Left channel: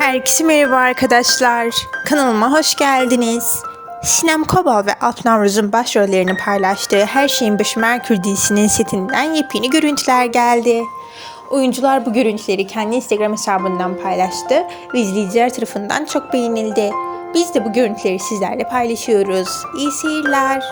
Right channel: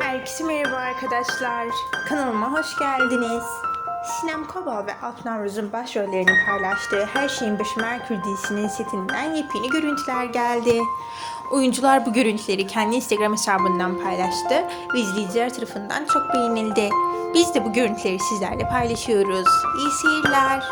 Herkese merhaba arkadaşlar. Kanalıma hoş geldiniz. Sinem Kobal ve Alp Navruz'un başrollerini paylaştığı Her Şeyin Başı Merkür dizisinin setinden yepyeni görüntüler geldi. Oyuncular bu görüntüleri kendi Instagram hesabından paylaştı ve izleyiciler tarafından çok beğenildi. Biz de bu görüntüleri sizlerle paylaşıyoruz. İyi seyirler.